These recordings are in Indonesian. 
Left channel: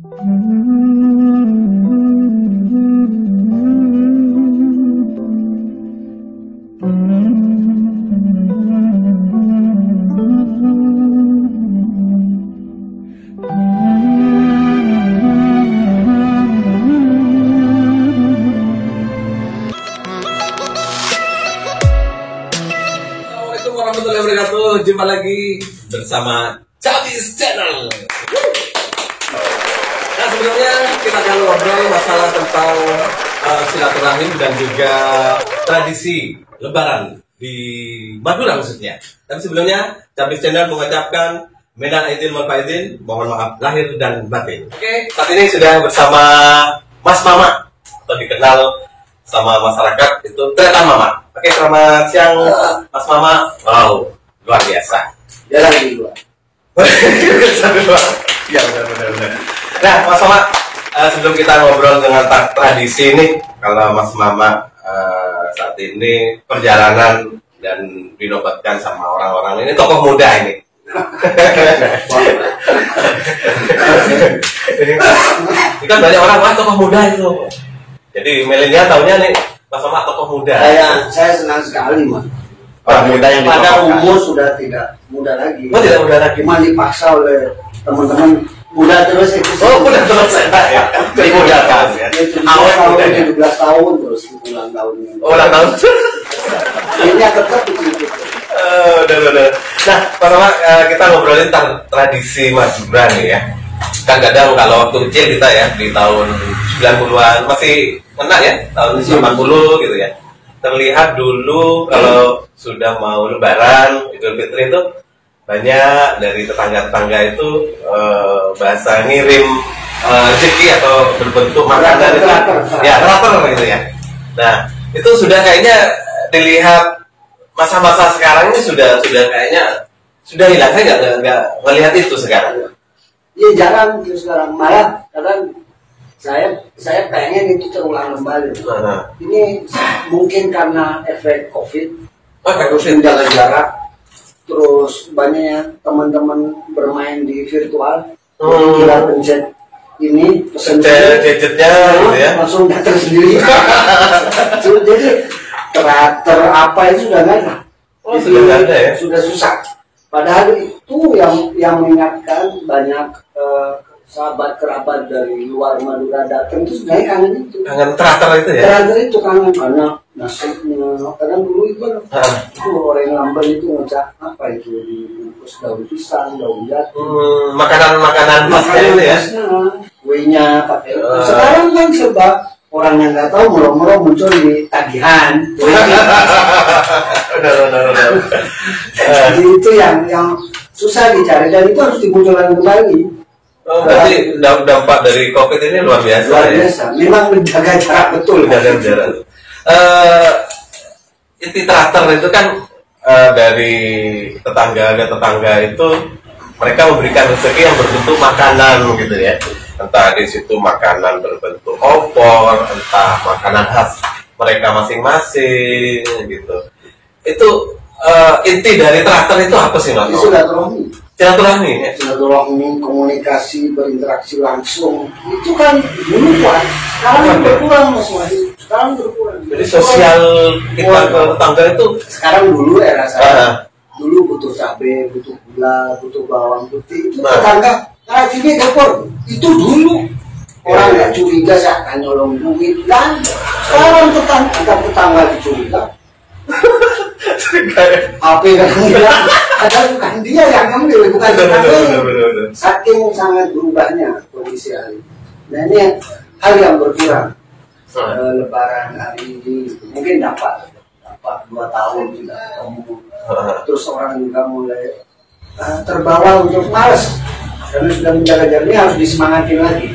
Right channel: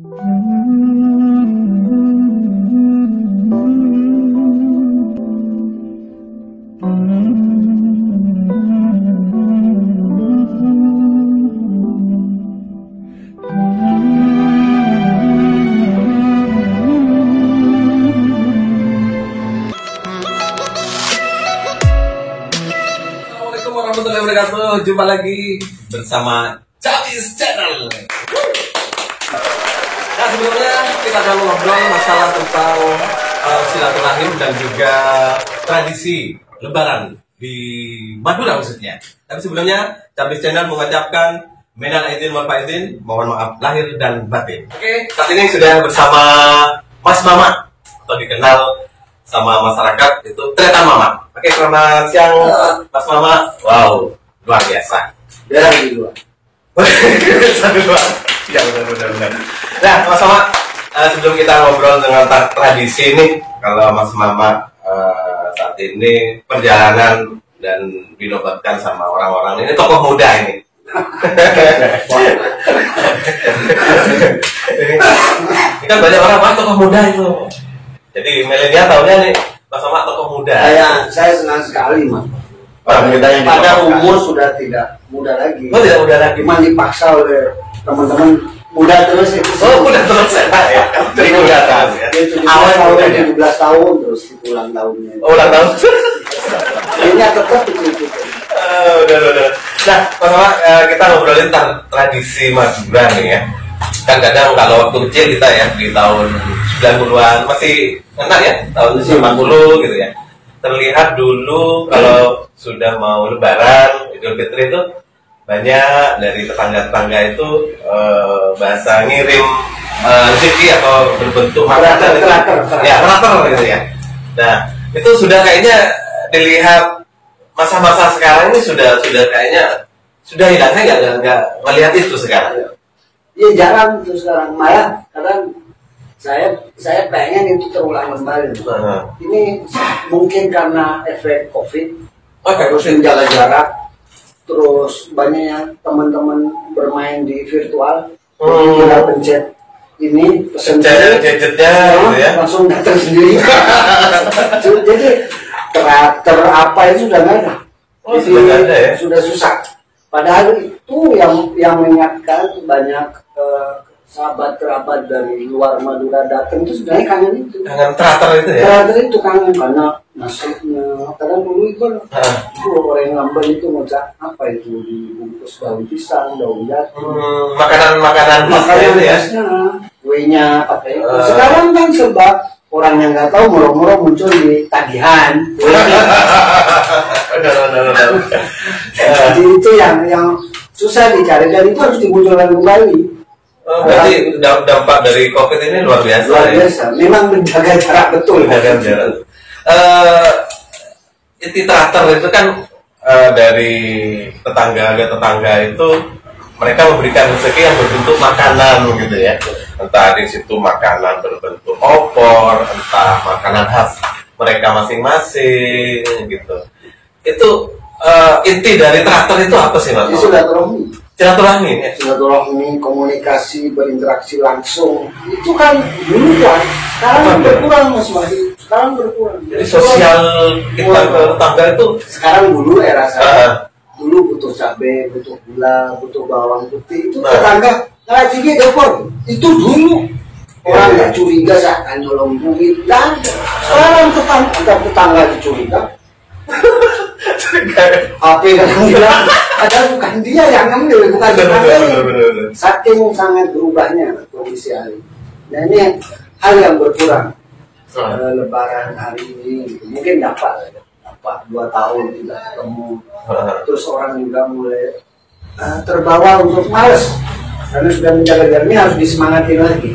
Assalamualaikum warahmatullahi wabarakatuh. Jumpa lagi bersama Cabis Channel. Nah, sebelumnya kita akan ngobrol masalah tentang silaturahim dan juga tradisi Lebaran di Madura khususnya. Tapi sebelumnya Cabis Channel mengucapkan minal aidin wal faizin, mohon maaf lahir dan batin. Oke, saat ini sudah bersama Mas Mama atau dikenal sama masyarakat itu Tretan Mama. Oke, selamat siang Mas Mama. Wow, luar biasa. Jarang di luar. Ya, benar. Nah, Mas Mama, sebelum kita ngobrol dengan tradisi ini, kalau Mas Mama saat ini perjalanan dan dinobatkan sama orang-orang ini tokoh muda ini. Ini kan banyak orang tokoh muda itu. Jadi milenial tahunya nih Mas Mama tokoh muda. Saya senang sekali, Mas. Pada umur sudah tidak muda lagi. Oh, tidak muda lagi. Cuma dipaksa oleh teman-teman muda terus itu. Oh, muda terus ya. Jadi muda terus ya. Awal tahun 17 tahun terus ulang tahunnya. Oh, ulang tahun. Ini tetap begitu. Udah. Nah, Mas Mama, kita ngobrolin tentang tradisi Madura nih ya. Kan kadang kalau waktu kecil kita ya di tahun 90-an masih kena ya, tahun 90 gitu ya. Terlihat dulu kalau sudah mau Lebaran, Idul Fitri itu banyak dari tetangga-tetangga itu bahasa ngirim rezeki atau berbentuk makanan itu ya teratur gitu ya. Nah, itu sudah kayaknya dilihat masa-masa sekarang ini sudah kayaknya sudah hilang. Saya nggak melihat itu sekarang. Iya, jarang itu sekarang. Malah kadang saya pengen itu terulang kembali. Ini mungkin karena efek COVID, harus menjaga jarak, terus banyak teman-teman bermain di virtual, kita pencet ini pesen gadgetnya gitu ya, langsung datang sendiri. Jadi karakter apa itu sudah nggak ada. Sudah nggak ada ya, sudah susah. Padahal itu yang mengingatkan banyak sahabat kerabat dari luar Madura datang itu sebenarnya kangen itu. Kangen teratur itu ya. Teratur itu kangen karena nasibnya. Kadang dulu itu orang Lamban itu ngocak apa itu dibungkus daun pisang, daun jati. Makanan itu ya. Kuenya pakai itu. Sekarang kan serba orang yang nggak tahu murah-murah muncul di tagihan. Jadi itu yang susah dicari dan itu harus dimunculkan kembali. Berarti dampak dari COVID ini luar biasa. Luar biasa. Ya? Memang menjaga jarak betul. Menjaga jarak. Inti teratur itu kan dari tetangga itu mereka memberikan rezeki yang berbentuk makanan gitu ya. Entah di situ makanan berbentuk opor, entah makanan khas mereka masing-masing gitu. Itu inti dari teratur itu apa sih Mas? Silaturahmi, komunikasi, berinteraksi langsung. Itu kan dulu kan, sekarang berkurang Mas Wahid. Sekarang berkurang. Jadi sosial kita ke tetangga itu sekarang dulu era saya. Dulu butuh cabai, butuh gula, butuh bawang putih. Itu tetangga, TV dapur. Itu dulu. Orang nggak curiga saya akan nyolong duit. Dan sekarang tetangga dicuriga. Apa yang bilang ada bukan dia yang ngambil, bukan dia. Saking sangat berubahnya kondisi hari. Nah ini hal yang berkurang. Lebaran hari ini mungkin dapat 2 tahun tidak ketemu. Terus orang juga mulai terbawa untuk malas karena sudah menjaga jarak. Ini harus disemangatin lagi.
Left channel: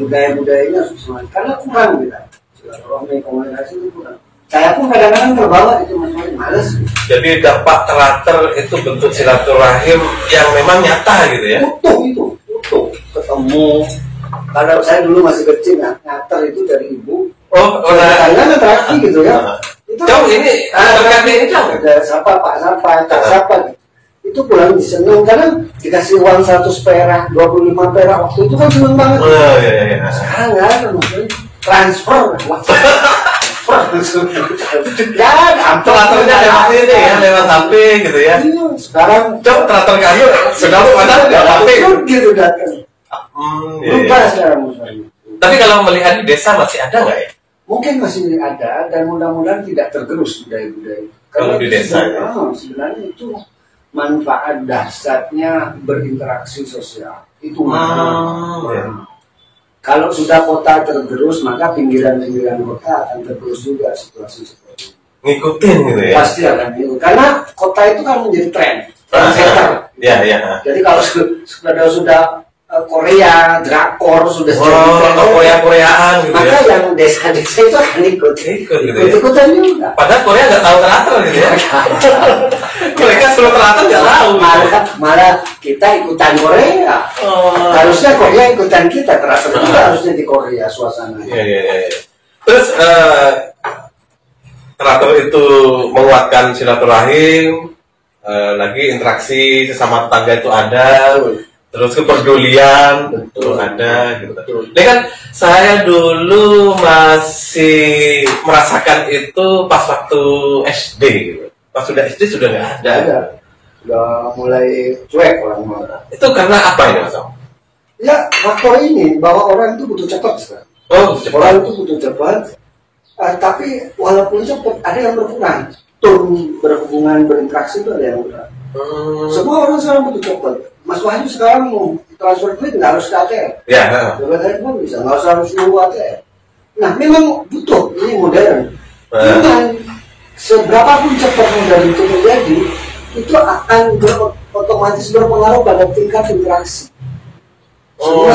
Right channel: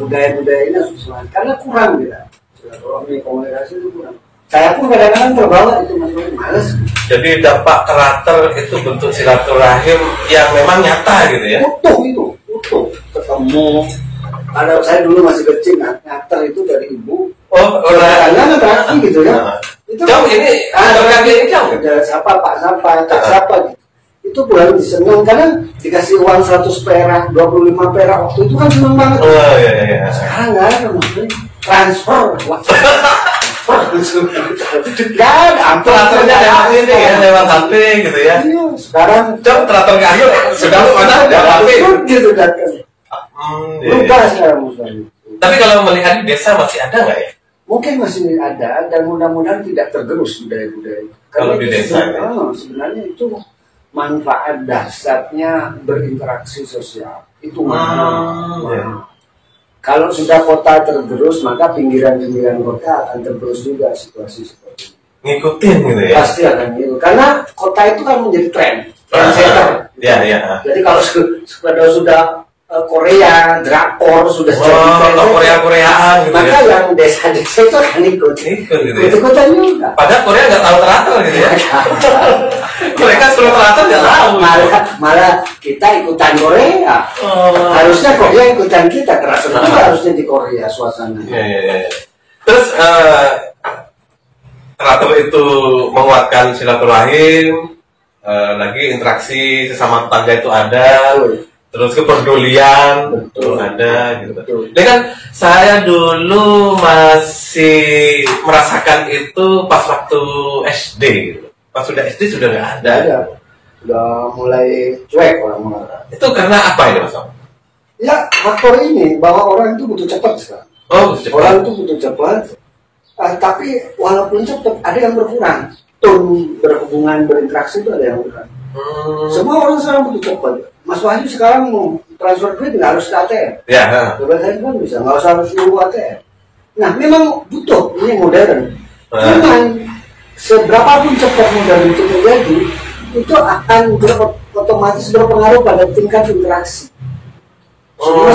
Budaya-budaya ini harus disemangatin karena kurang kita. Silaturahmi komunikasi itu kurang. Saya pun kadang-kadang terbawa itu Mas Wahid, males. Jadi dampak teratur itu bentuk silaturahim yang memang nyata gitu ya. Utuh ketemu. Kalau saya dulu masih kecil ngater itu dari ibu. Karena terakhir gitu ya. Itu jauh ini terakhir ini jauh. Ada siapa Pak siapa Kak siapa. itu pulang seneng karena dikasih uang 100 perak, 25 perak waktu itu kan seneng banget. Iya. Sekarang nggak ada maksudnya transfer. Teraturnya lewat ini ya, lewat HP gitu ya. Iya, sekarang teratur ke anu sudah lu mana lewat HP gitu datang. Berubah sekarang maksudnya. Tapi kalau melihat di desa masih ada nggak ya? Mungkin masih ada dan mudah-mudahan tidak tergerus budaya-budaya. Kalau di desa sebenarnya itu manfaat dasarnya berinteraksi sosial itu Kalau sudah kota tergerus, maka pinggiran-pinggiran kota akan tergerus juga situasi seperti ini. Ngikutin gitu ya? Pasti akan ngikut. Karena kota itu kan menjadi tren. Iya. Jadi kalau sudah Korea, drakor sudah jadi Korea-Koreaan gitu maka ya? yang desa-desa itu akan ikut gitu ya? Ikut-ikutan juga. Padahal Korea nggak tahu teratur gitu ya? Mereka sebelum teratur nggak tahu. Malah kita ikutan Korea. Harusnya Korea ikutan kita. Teratur juga harusnya di Korea suasananya. Iya. Terus teratur itu menguatkan silaturahim, lagi interaksi sesama tetangga itu ada. Terus kepedulian betul ada gitu. Betul. Ini kan saya dulu masih merasakan itu pas waktu SD gitu. Pas sudah SD sudah nggak ada. Sudah mulai cuek orang-orang. Itu karena apa ini Mas? Ya faktor ini bahwa orang itu butuh cepat sekarang. Orang itu butuh cepat. Tapi walaupun cepat ada yang berkurang. Tone berhubungan berinteraksi itu ada yang berkurang. Semua orang sekarang butuh cepat. Mas Wahyu sekarang mau transfer duit nggak harus ke ATM. Ya. Coba handphone bisa, nggak usah harus nunggu ATM. Nah, memang butuh ini modern. Memang seberapapun cepat modern itu terjadi, itu akan otomatis berpengaruh pada tingkat interaksi.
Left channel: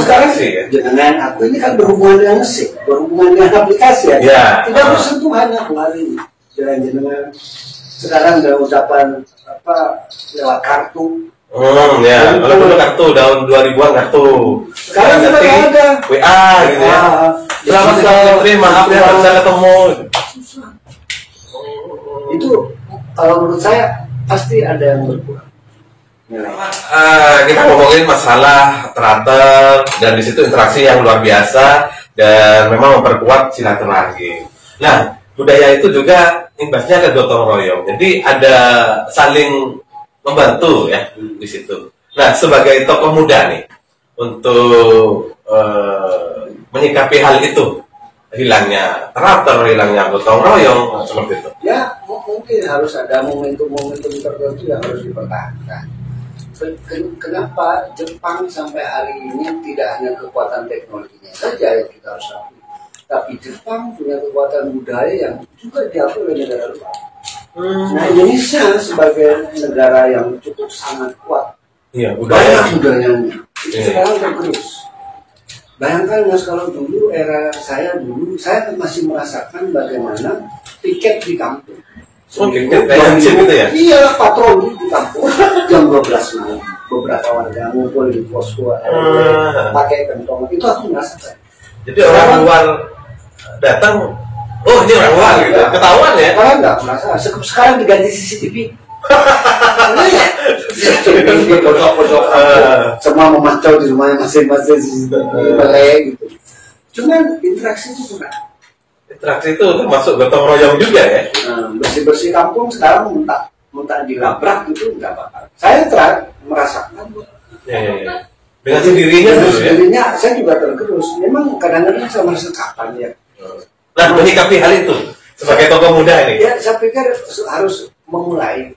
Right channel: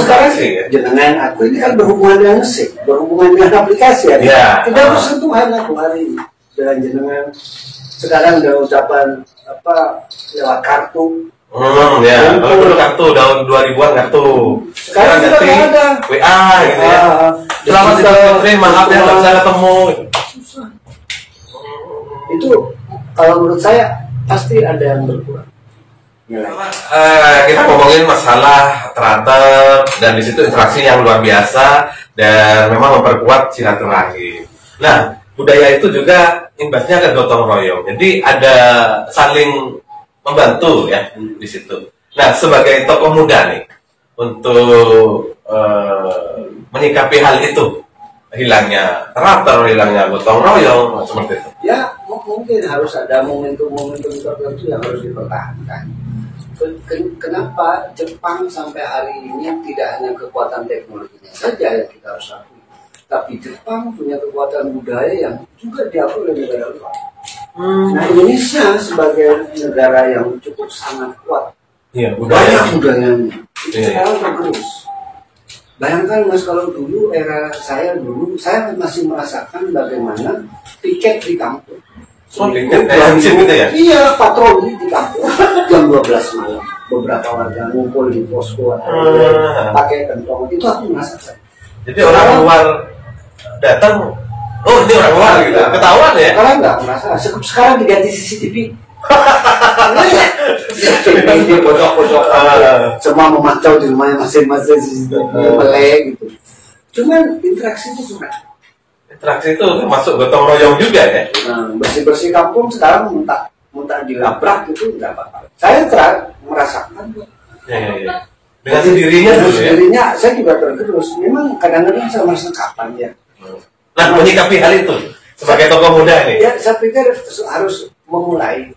Sekarang jenengan aku ini kan berhubungan dengan mesin, berhubungan dengan aplikasi ya. Kita harus sentuhan aku hari ini dengan jenengan. Sekarang ada ucapan lewat kartu. Kalau kartu tahun 2000-an kartu. Sekarang sudah ada WA gitu ya. Selamat datang, maaf ya nggak bisa ketemu. Susah. Itu kalau menurut saya pasti ada yang berkurang nilai. Kita ngomongin masalah teratur dan di situ interaksi yang luar biasa dan memang memperkuat silaturahim. Nah, budaya itu juga imbasnya ke gotong royong. Jadi ada saling membantu ya di situ. Nah, sebagai tokoh muda nih untuk menyikapi hal itu, hilangnya teratur, hilangnya gotong royong seperti itu. Ya, mungkin harus ada momentum-momentum tertentu yang harus dipertahankan. Kenapa Jepang sampai hari ini tidak hanya kekuatan teknologinya saja yang kita harus lakukan, tapi Jepang punya kekuatan budaya yang juga diakui oleh negara luar. Nah, Indonesia sebagai negara yang cukup sangat kuat, banyak budayanya, itu sekarang tergerus. Bayangkan Mas, kalau dulu era saya masih merasakan bagaimana piket di kampung. Iya, patroli di kampung jam 12 malam. Beberapa warga ngumpul di posko pakai kantong. Itu aku merasakan. Jadi orang luar datang, ini orang luar gitu. Ketahuan ya? Sekarang nggak merasa. Sekarang diganti CCTV. Ini pojok-pojok semua memantau di rumahnya masing-masing CCTV melek gitu. Cuman interaksi itu kurang. Interaksi itu termasuk gotong royong juga ya. Bersih-bersih kampung sekarang minta dilabrak itu nggak apa-apa. Saya merasakan dengan sendirinya dulu ya. Saya juga tergerus. Memang kadang-kadang saya merasa kapan ya. Nah, menyikapi hal itu sebagai tokoh muda ini. Ya, saya pikir harus memulai,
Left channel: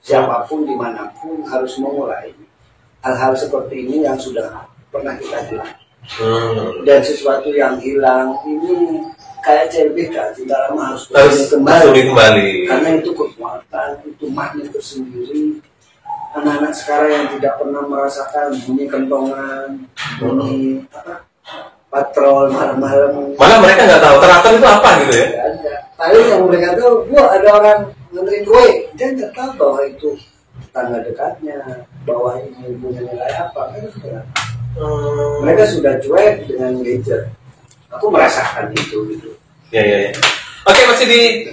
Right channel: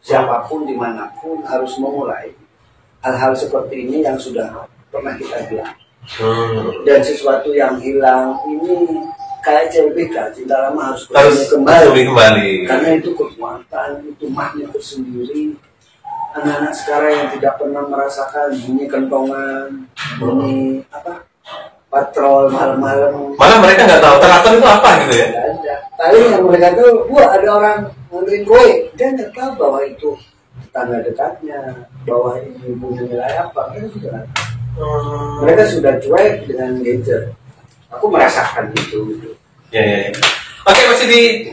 siapapun dimanapun harus memulai hal-hal seperti ini yang sudah pernah kita hilang. Dan sesuatu yang hilang ini kayak CLBK, cinta lama harus kembali. Karena itu kekuatan, itu magnet tersendiri. Anak-anak sekarang yang tidak pernah merasakan bunyi kentongan, bunyi patrol malam-malam. Malah mereka nggak tahu teratur itu apa gitu ya? Nggak ada. Paling yang mereka tahu, ada orang nganterin kue, dia nggak tahu bahwa itu tetangga dekatnya, bahwa ini punya nilai apa. Mereka sudah cuek dengan gadget. Aku merasakan itu gitu. Ya. Oke, masih di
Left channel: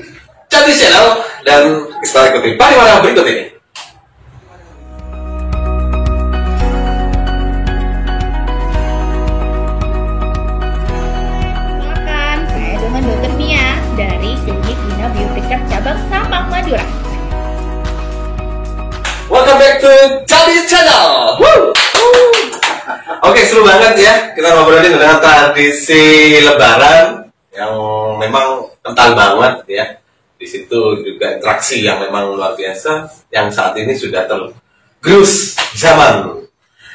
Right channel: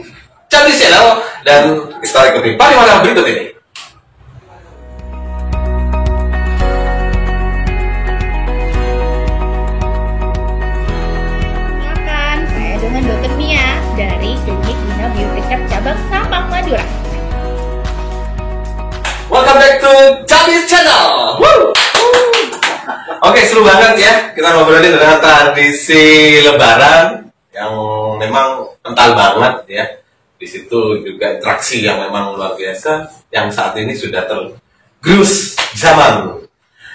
Candi Channel dan kita ikuti pariwara berikut ini. Candi Channel. Oke, seru banget ya kita ngobrolin tentang tradisi Lebaran yang memang kental banget ya. Di situ juga interaksi yang memang luar biasa yang saat ini sudah tergerus zaman.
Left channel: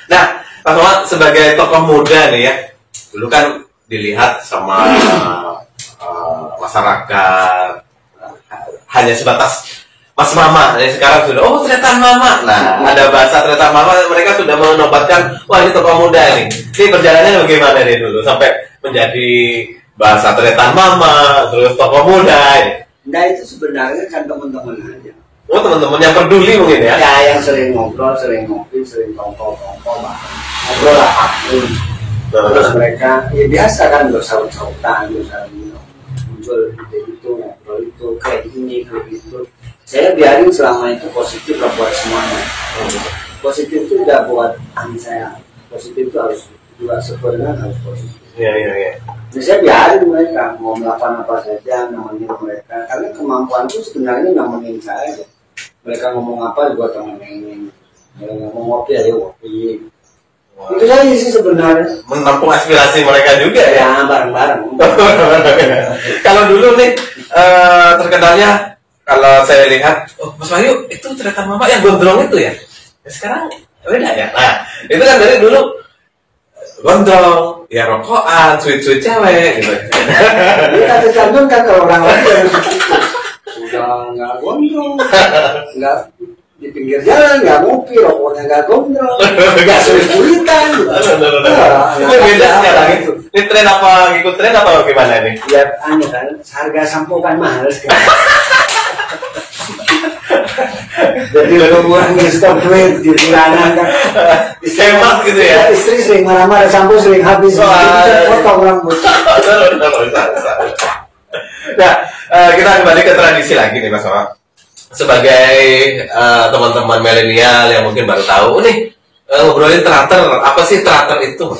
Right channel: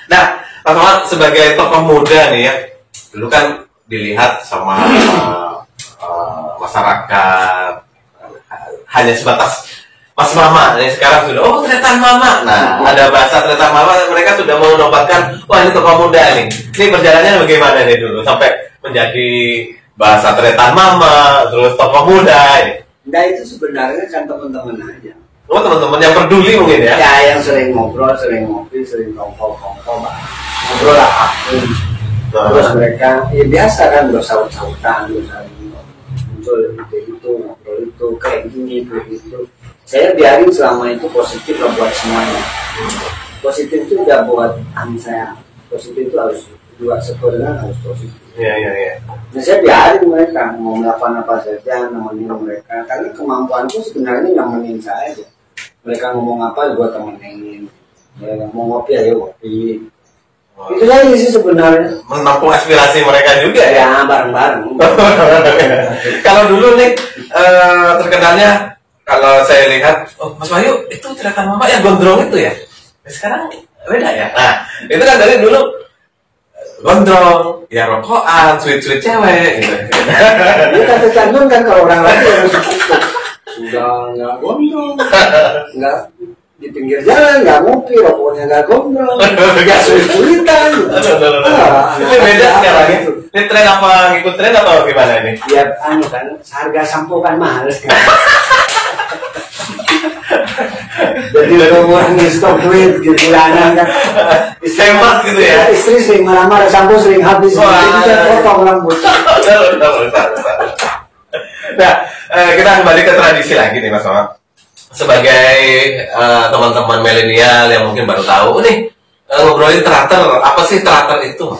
Nah, Pak Somad sebagai tokoh muda nih ya, dulu kan dilihat sama masyarakat hanya sebatas Mas Mama, dan sekarang sudah tretan Mama. Nah, ada bahasa tretan Mama, mereka sudah menobatkan, wah ini tokoh muda nih. Ini perjalanannya bagaimana nih dulu sampai menjadi bahasa tretan Mama, terus tokoh muda ini. Nah itu sebenarnya kan teman-teman aja. Oh teman-teman yang peduli mungkin ya? Ya yang sering ngobrol, sering ngopi, sering tongkol-tongkol, ngobrol apapun. Terus mereka, ya biasa kan bersaut-sautan, muncul ide itu, ngobrol itu, kayak gini, kayak gitu. Saya biarin selama itu positif lah buat semuanya. Positif itu udah buat saya. Positif itu harus juga sebenarnya harus positif. Iya. Nah, saya biarin mereka mau melakukan apa saja, nemenin mereka. Karena kemampuanku sebenarnya nemenin saya aja. Mereka ngomong apa, gue temenin. Ya, mau ngopi, ayo ngopi. Itu saja sih sebenarnya. Menampung aspirasi mereka juga ya? Ya, bareng-bareng. Kalau dulu nih, terkenalnya, kalau saya lihat, oh Mas Wahyu, itu tretan Mama yang gondrong itu ya? Sekarang beda ya? Nah, itu kan dari dulu, gondrong, ya rokokan, sweet-sweet cewek gitu. Ini kata cantum kan kalau orang lagi yang begitu. Sudah nggak gondrong, nggak di pinggir jalan, nggak ngopi, rokoknya nggak gondrong, nggak sulit-sulitan. Itu beda sekarang itu. Ini tren apa, ngikut tren atau gimana ini? Ya, kan, harga sampo kan mahal sekarang. Jadi mengurangi stok duit di bulanan kan. Hemat gitu ya. Istri sering marah-marah, sampo sering habis. Jadi saya potong rambut. Nah, kita kembali ke tradisi lagi nih Mas Somad. Sebagai teman-teman milenial yang mungkin baru tahu nih, ngobrolin teater, apa sih teater itu?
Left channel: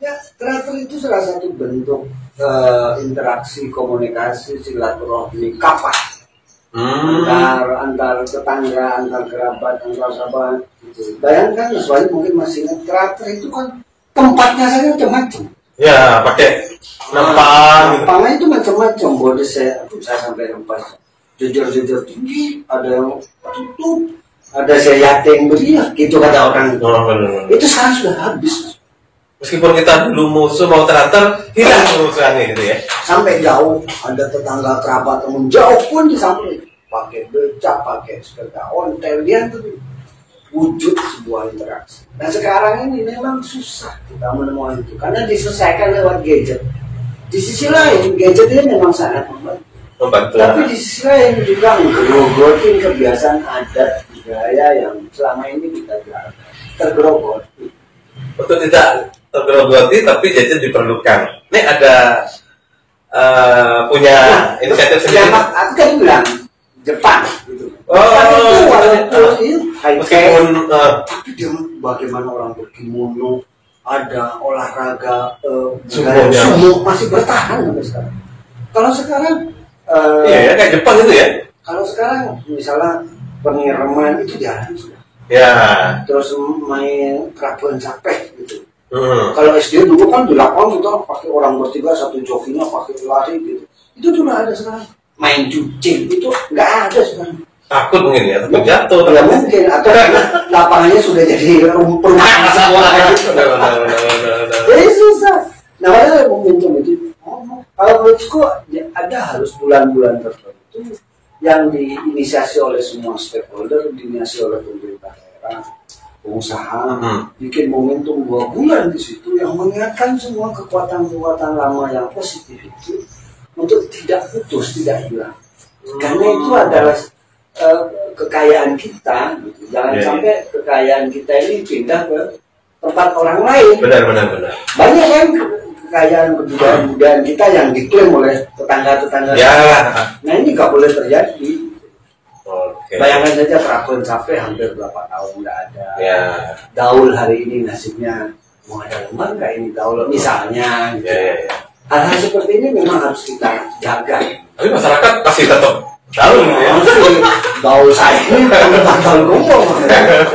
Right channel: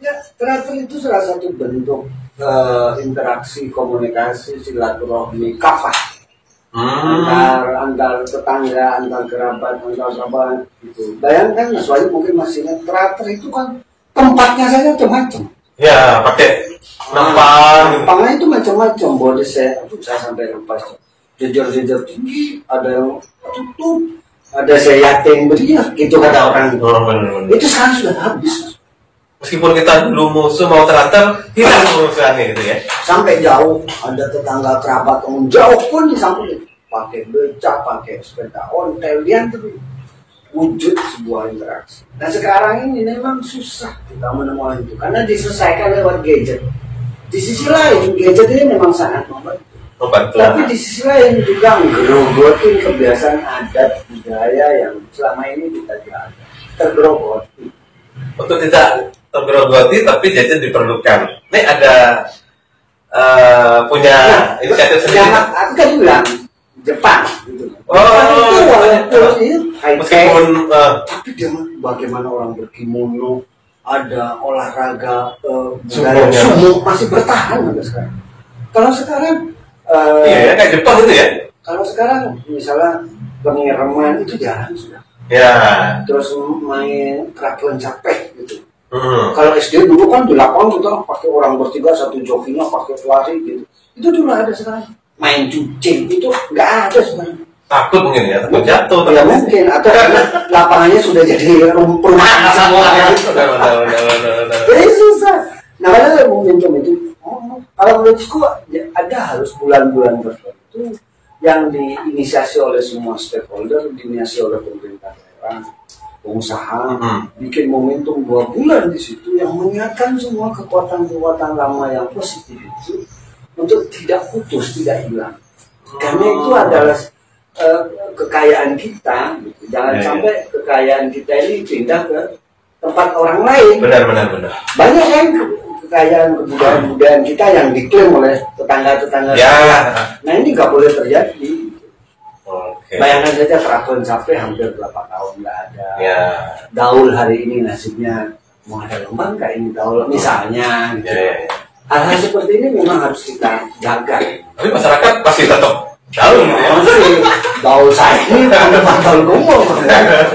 Ya, teater itu salah satu bentuk interaksi, komunikasi, silaturahmi, kafah. Antar tetangga, antar kerabat, antar sahabat gitu. Bayangkan Mas Wahyu mungkin masih ingat teater itu kan tempatnya saja macam-macam. Ya, pakai nampan. Nampangnya itu macam-macam. Bodi saya sampai lupa. Jujur tinggi, ada yang tutup, ada saya yating beriak, gitu kata orang. Benar. Itu sekarang sudah habis. Meskipun kita dulu musuh mau teater, hilang musuhannya gitu ya. Sampai jauh, ada tetangga kerabat teman jauh pun disamperin. Pakai becak, pakai sepeda ontel, dia tuh wujud sebuah interaksi. Nah sekarang ini memang susah kita menemukan itu karena diselesaikan lewat gadget. Di sisi lain, gadget ini memang sangat membantu. Tapi di sisi lain juga ngerogotin kebiasaan adat budaya yang selama ini kita jaga. Tergerogoti. Untuk tidak tergerogoti tapi jajan diperlukan. Ini ada punya inisiatif sendiri. Aku kan bilang Jepang gitu. Meskipun tapi dia bagaimana orang berkimono, ada olahraga sumo masih bertahan sampai sekarang. Kalau sekarang iya kayak Jepang itu ya. Kalau sekarang misalnya pengiriman itu jarang sudah. Ya. Terus main kerabuan capek gitu. Kalau SD dulu kan di lapangan kita pakai orang bertiga satu jokinya pakai lari gitu. Itu dulu ada sekarang. Main jucing itu nggak ada sekarang. Takut mungkin ya, takut jatuh. Ya mungkin atau karena lapangannya sudah jadi perumahan semua gitu. Jadi susah. Nah ada momentum itu. Kalau menurutku ya, ada harus bulan-bulan tertentu yang diinisiasi oleh semua stakeholder, diinisiasi oleh pemerintah daerah, pengusaha, bikin momentum 2 bulan di situ yang mengingatkan semua kekuatan-kekuatan lama yang positif itu untuk tidak putus, tidak hilang. Karena itu adalah kekayaan kita, gitu. Jangan sampai kekayaan kita ini pindah ke tempat orang lain. Benar. Banyak kan kekayaan kebudayaan kita yang diklaim oleh tetangga-tetangga. Ya. Nah ini nggak boleh terjadi. Oke. Bayangkan saja Keraton sampai hampir berapa tahun nggak ada. Ya. Gaul hari ini nasibnya mau ada lembang nggak ini gaul misalnya. Gitu. Ya. Hal-hal seperti ini memang harus kita jaga. Tapi masyarakat pasti tetap Tahu ya? Tahu saya ini tahun ngomong. Benar.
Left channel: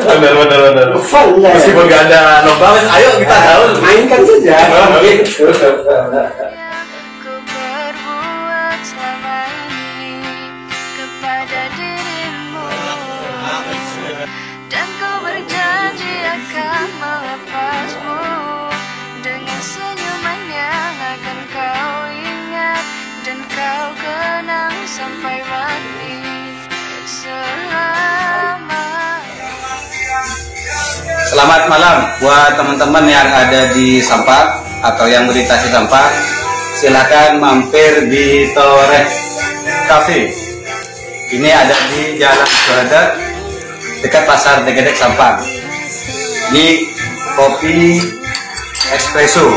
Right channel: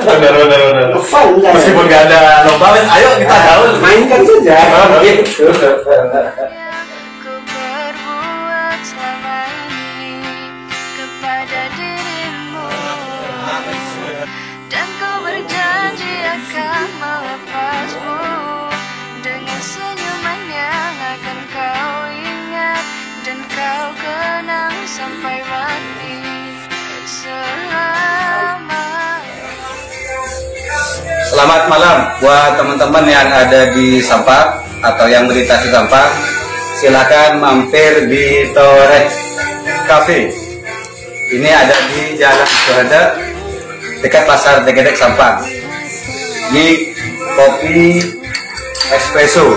Meskipun nggak ada lomba, ayo kita gaul. Mainkan saja. Gitu. Ku berbuat selama ini kepada dirimu, dan ku berjanji akan melepasmu dengan senyuman yang akan kau ingat dan kau kenang sampai mati selama. Selamat malam buat teman-teman yang ada di Sampang atau yang melintasi Sampang. Silakan mampir di Torek Cafe. Ini ada di Jalan Suhada dekat Pasar Degedek Sampang. Ini kopi espresso.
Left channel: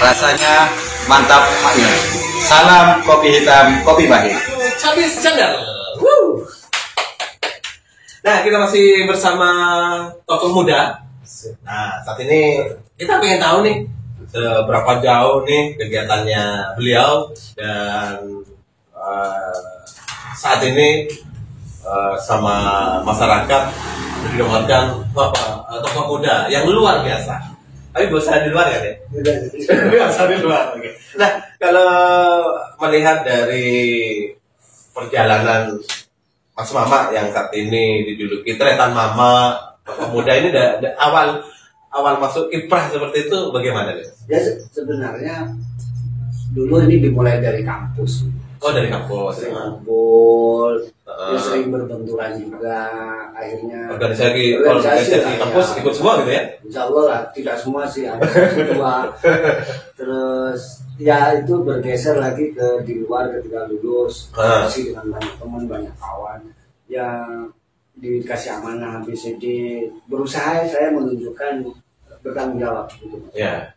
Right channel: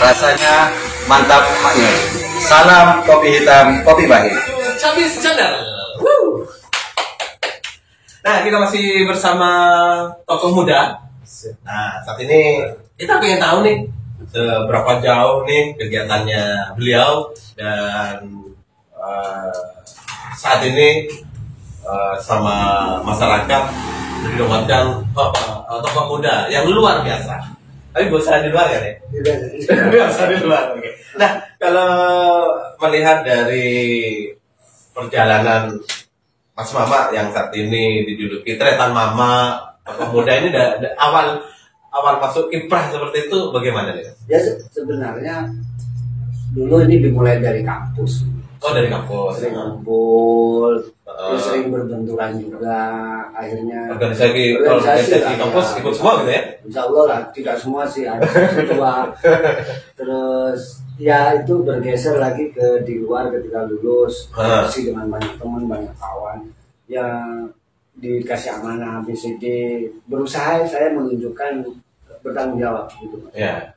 Rasanya mantap maknyur. Salam kopi hitam, kopi bahi. Habis channel. Nah, kita masih bersama tokoh muda. Nah, saat ini kita pengen tahu nih seberapa jauh nih kegiatannya beliau dan saat ini sama masyarakat dinobatkan tokoh muda yang luar biasa. Tapi gak usah di luar ya deh. Gak usah di luar. Okay. Nah, kalau melihat dari perjalanan Mas Mama yang saat ini dijuluki Tretan Mama tokoh muda ini awal masuk kiprah seperti itu bagaimana nih? Ya sebenarnya dulu ini dimulai dari kampus. Oh, dari kampus. Sering kumpul, sering berbenturan juga. Akhirnya organisasi kampus ikut semua gitu ya? Insya Allah lah, tidak semua sih, ada dua. Terus ya itu bergeser lagi ke di luar ketika lulus, masih dengan banyak teman, banyak kawan yang dikasih amanah BCD, berusaha saya menunjukkan bertanggung jawab gitu. Ya.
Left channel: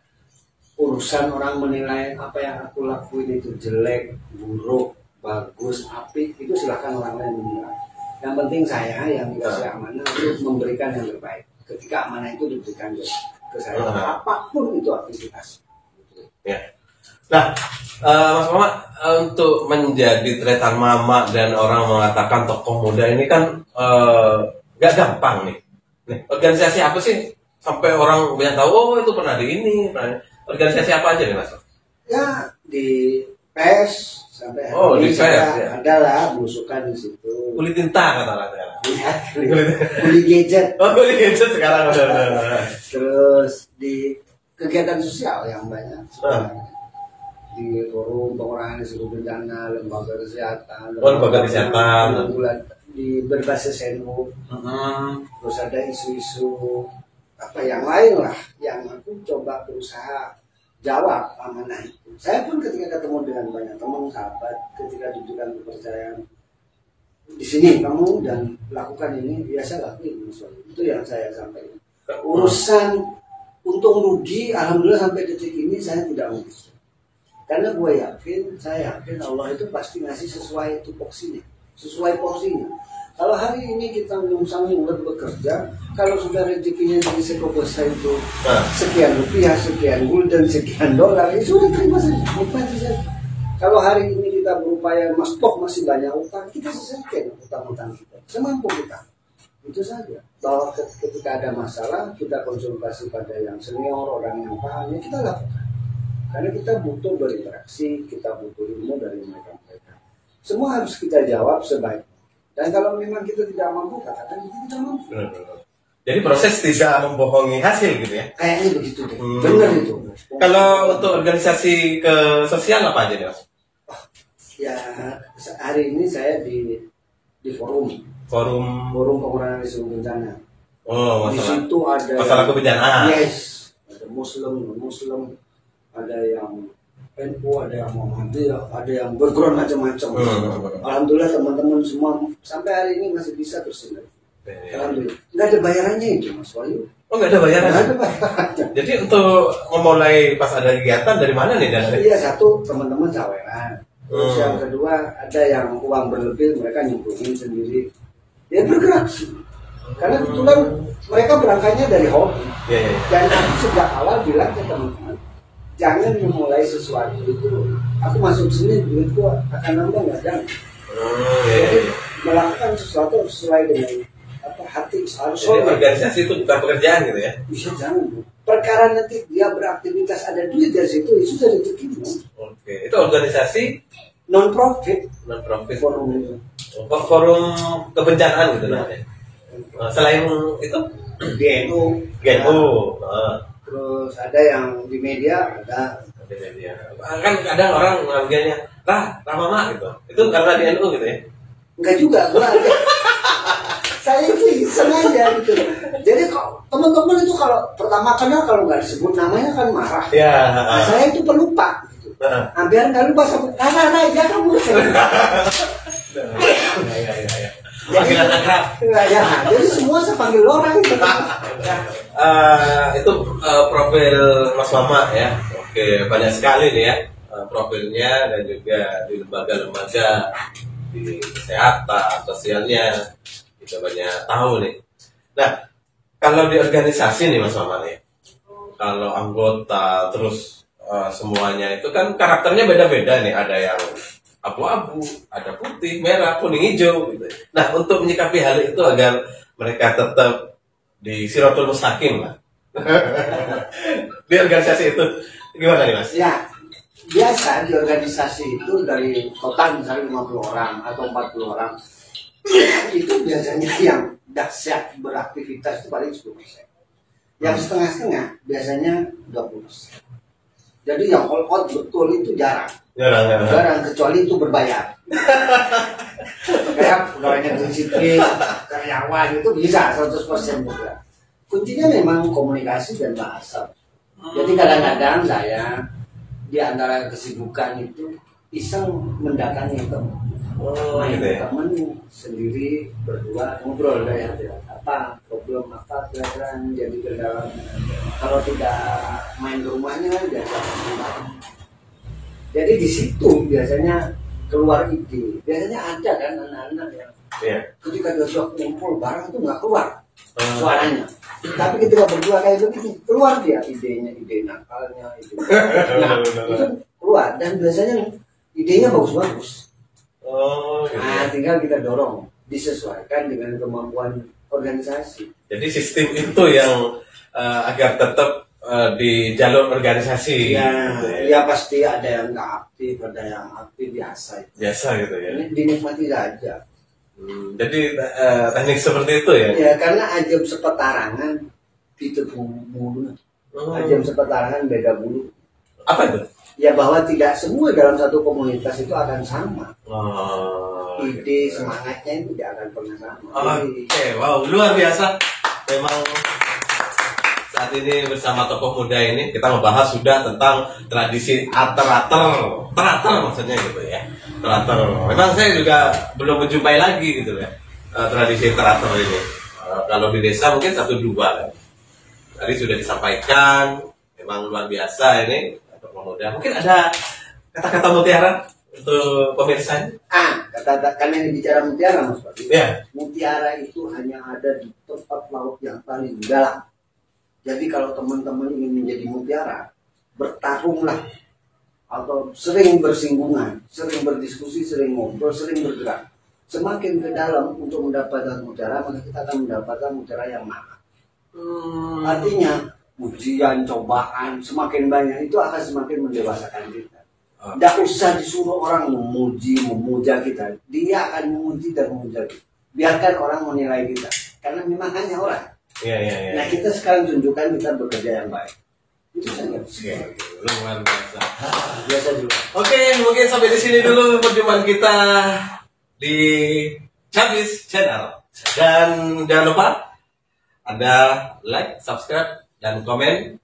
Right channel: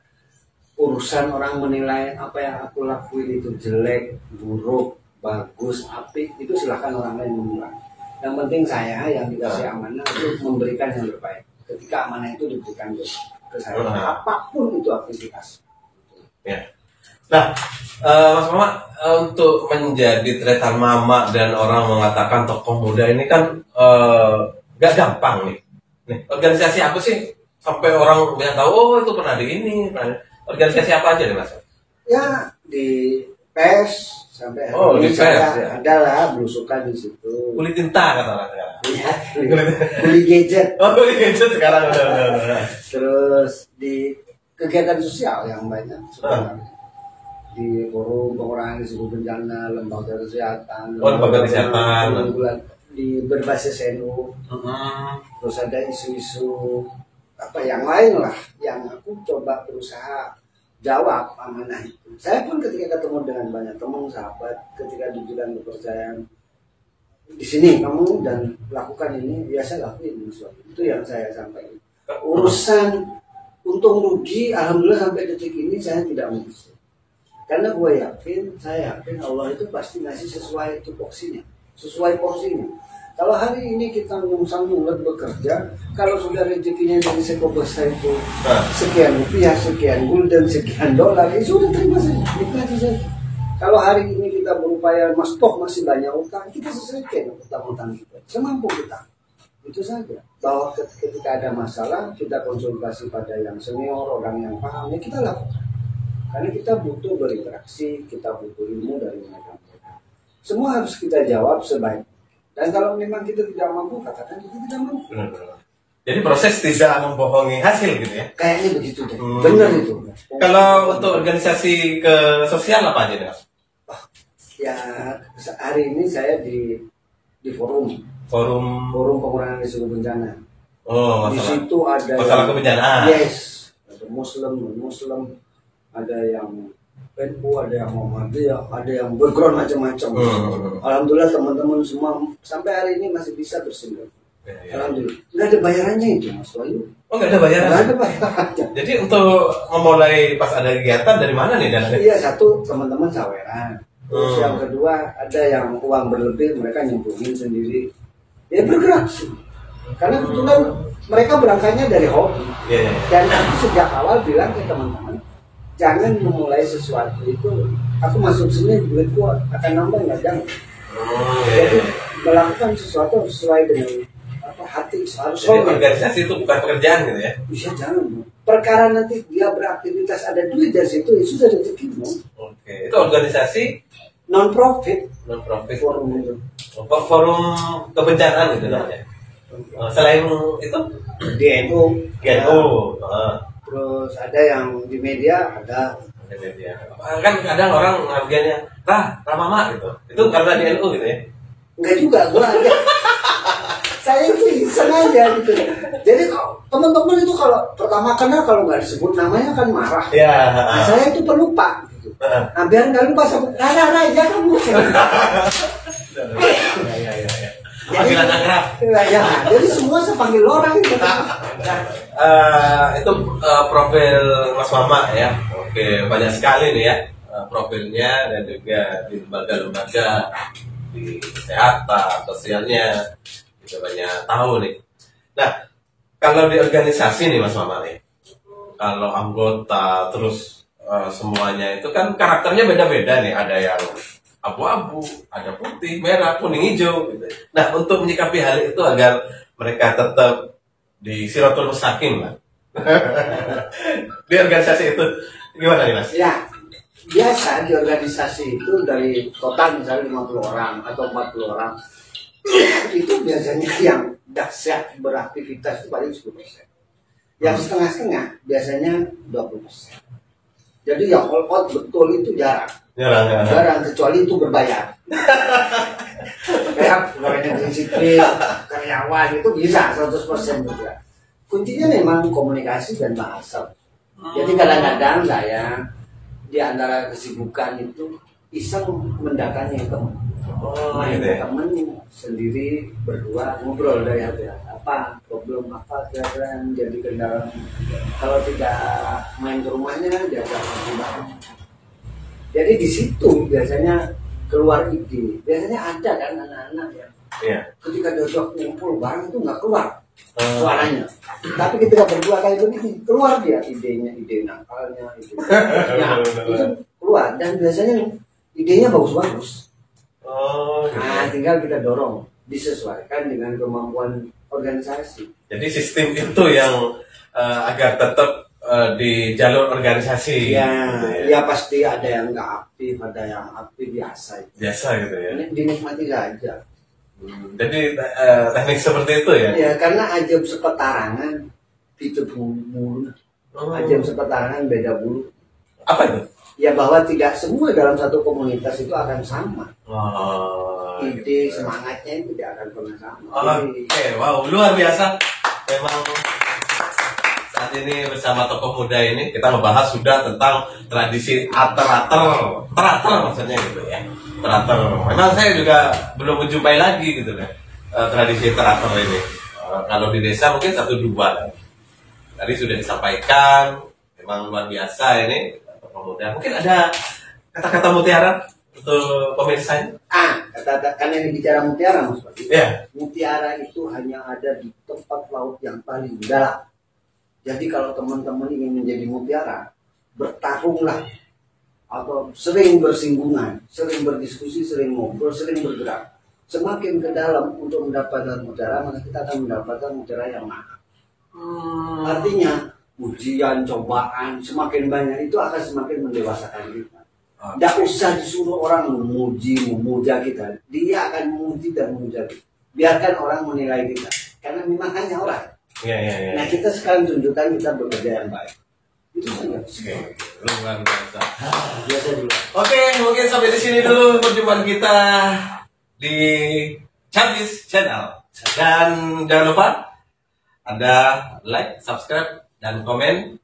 Urusan orang menilai apa yang aku lakuin itu jelek, buruk, bagus, apik, itu silahkan orang lain menilai. Yang penting saya yang dikasih amanah itu memberikan yang terbaik. Ketika amanah itu diberikan ke saya, apapun itu aktivitas. Ya. Nah, Mas Mama, untuk menjadi Tretan Mama dan orang mengatakan tokoh muda ini kan gak gampang nih. Organisasi apa sih sampai orang banyak tahu? Oh, itu pernah di ini, organisasi apa aja nih Mas? Ya di PES sampai di PES ya. Ada lah belusukan di situ. Kulit tinta kata orang sekarang. Iya, kuli gadget. Oh, kulit gadget sekarang udah. Terus di kegiatan sosial yang banyak sebenarnya. Di forum pengurangan risiko bencana, lembaga kesehatan, lembaga kesehatan, di berbasis NU, terus ada isu-isu apa yang lain lah yang aku coba berusaha jawab amanah itu. Saya pun ketika ketemu dengan banyak teman sahabat, ketika diberikan kepercayaan di sini kamu dan lakukan ini, biasa lakuin itu yang saya sampaikan. Urusan untung rugi, alhamdulillah sampai detik ini saya tidak ngurus. Karena saya yakin Allah itu pasti ngasih sesuai tupoksinya, sesuai porsinya. Kalau hari ini kita nyungsang-nyunglet bekerja, kalau sudah rezekinya dari sekobesa itu sekian rupiah, sekian gulden, sekian dolar, ya sudah terima saja, nikmati saja. Kalau hari ini kita berupaya, masih banyak utang, kita selesaikan utang-utang kita, semampu kita. Itu saja. Bahwa ketika ada masalah, kita konsultasi pada yang senior, orang yang paham, ya kita lakukan. Karena kita butuh berinteraksi, kita butuh ilmu dari mereka-mereka. Semua harus kita jawab sebaik. Dan kalau memang kita tidak mampu, katakan kita tidak mampu. Jadi proses tidak membohongi hasil gitu ya? Kayaknya begitu deh. Benar itu. Kalau untuk organisasi ke sosial apa aja Mas? Ya hari ini saya di forum pengurangan risiko bencana. Oh, masalah. Di situ ada masalah kebencanaan. Yes, ada Muslim, non-Muslim, ada yang NU, ada yang Muhammadiyah, ada yang background macam-macam. Alhamdulillah teman-teman semua sampai hari ini masih bisa bersinergi. Alhamdulillah. Nggak ada bayarannya itu Mas Wahyu. Oh, nggak ada bayaran? Nggak ada bayarannya. Jadi untuk memulai pas ada kegiatan dari mana nih dananya? Iya, satu teman-teman saweran. Terus yang kedua ada yang uang berlebih mereka nyemplungin sendiri. Ya bergerak sih. Karena kebetulan mereka berangkatnya dari hobi. Dan aku sejak awal bilang ke teman-teman, jangan memulai sesuatu itu. Aku masuk sini duitku akan nambah nggak, jangan. Jadi melakukan sesuatu sesuai dengan apa hati, harus jadi organisasi itu bukan pekerjaan gitu ya. Bisa jangan. Perkara nanti dia beraktivitas ada duit dari situ, itu sudah rezekimu. Oke, itu organisasi Non profit forum itu. forum kebencanaan gitu namanya. Selain itu DNU, GNU, terus ada yang di media ada. media. Kan kadang orang manggilnya Ramama gitu. Itu karena di NU gitu ya. Enggak juga, gua ada. Saya itu sengaja gitu. Jadi kok teman-teman itu kalau pertama kenal kalau nggak disebut namanya kan marah. Ya. Nah, saya itu pelupa gitu. Nah, biar nggak lupa sebut karena aja kamu. Ya. Panggilan akrab. Ya, jadi semua saya panggil orang itu. Itu profil Mas Mama ya. Oke, banyak sekali nih ya profilnya, dan juga di lembaga-lembaga di kesehatan, sosialnya kita banyak tahu nih. Nah, kalau di organisasi nih Mas Mama nih, kalau anggota terus semuanya itu kan karakternya beda-beda nih, ada yang abu-abu, ada putih, merah, kuning, hijau gitu. Nah, untuk menyikapi hal itu agar mereka tetap di Siratul Mustaqim lah. Di organisasi itu gimana nih Mas? Ya, biasa di organisasi itu dari total misalnya 50 orang atau 40 orang itu biasanya yang dahsyat beraktivitas itu paling 10%. Yang setengah-setengah biasanya 20%. Jadi yang all out betul itu jarang. Jarang, kecuali itu berbayar. Kayak pegawai negeri sipil, karyawan itu bisa 100% juga. Kuncinya memang komunikasi dan bahasa. Jadi kadang-kadang saya di antara kesibukan itu iseng mendatangi teman, main teman sendiri berdua ngobrol dari apa problem apa kira-kira jadi kendala. Kalau tidak main ke rumahnya diajak bareng. Jadi di situ biasanya keluar ide. Biasanya ada kan anak-anak yang ketika diajak ngumpul bareng itu nggak keluar suaranya. Tapi ketika berdua kayak begini keluar dia idenya, ide nakalnya, itu keluar, dan biasanya idenya bagus-bagus. Nah, tinggal kita dorong disesuaikan dengan kemampuan organisasi. Jadi sistem itu yang agar tetap di jalur organisasi. Ya pasti ada yang nggak aktif, ada yang aktif biasa. Biasa gitu ya. Ini dinikmati saja. Jadi teknik seperti itu ya? Ya karena ajab sepetarangan itu bulu. Ajab sepetarangan beda bulu. Apa itu? Ya bahwa tidak semua dalam satu komunitas itu akan sama. Ide semangatnya itu tidak akan pernah sama. Oke, wow, luar biasa. Memang saat ini bersama tokoh muda ini kita membahas sudah tentang tradisi teratur maksudnya gitu ya. Teratur. Memang saya juga belum menjumpai lagi gitu ya tradisi teratur ini. Kalau di desa mungkin 1-2 kan. Tadi sudah disampaikan, memang luar biasa ini tokoh muda. Mungkin ada kata-kata mutiara untuk pemirsanya? Karena ini bicara mutiara Mas Pak. Ya. Mutiara itu hanya ada di tempat laut yang paling dalam. Jadi kalau teman-teman ingin menjadi mutiara, bertarunglah atau sering bersinggungan, sering berdiskusi, sering ngobrol, sering bergerak. Semakin ke dalam untuk mendapatkan mutiara, maka kita akan mendapatkan mutiara yang mahal. Artinya ujian, cobaan semakin banyak itu akan semakin mendewasakan kita. Tidak usah disuruh orang memuja kita, dia akan memuji dan memuja kita. Biarkan orang menilai kita, karena memang hanya orang. Nah kita sekarang tunjukkan kita bekerja yang baik. Itu saja. Luar biasa. Biasa juga. Oke, mungkin sampai di sini dulu perjumpaan kita di Chabis Channel. Dan jangan lupa Anda like, subscribe, dan komen,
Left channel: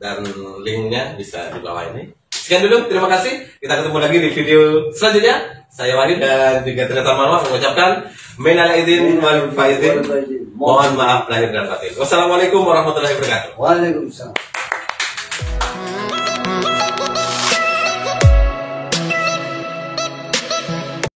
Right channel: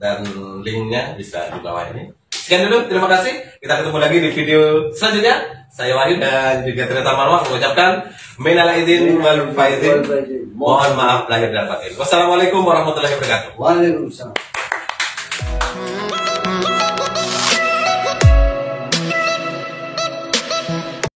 dan linknya bisa di bawah ini. Sekian dulu, terima kasih. Kita ketemu lagi di video selanjutnya. Saya Wahyu dan juga Tirta Marwah mengucapkan minal aidin wal faizin. Mohon maaf lahir dan batin. Wassalamualaikum warahmatullahi wabarakatuh. Waalaikumsalam.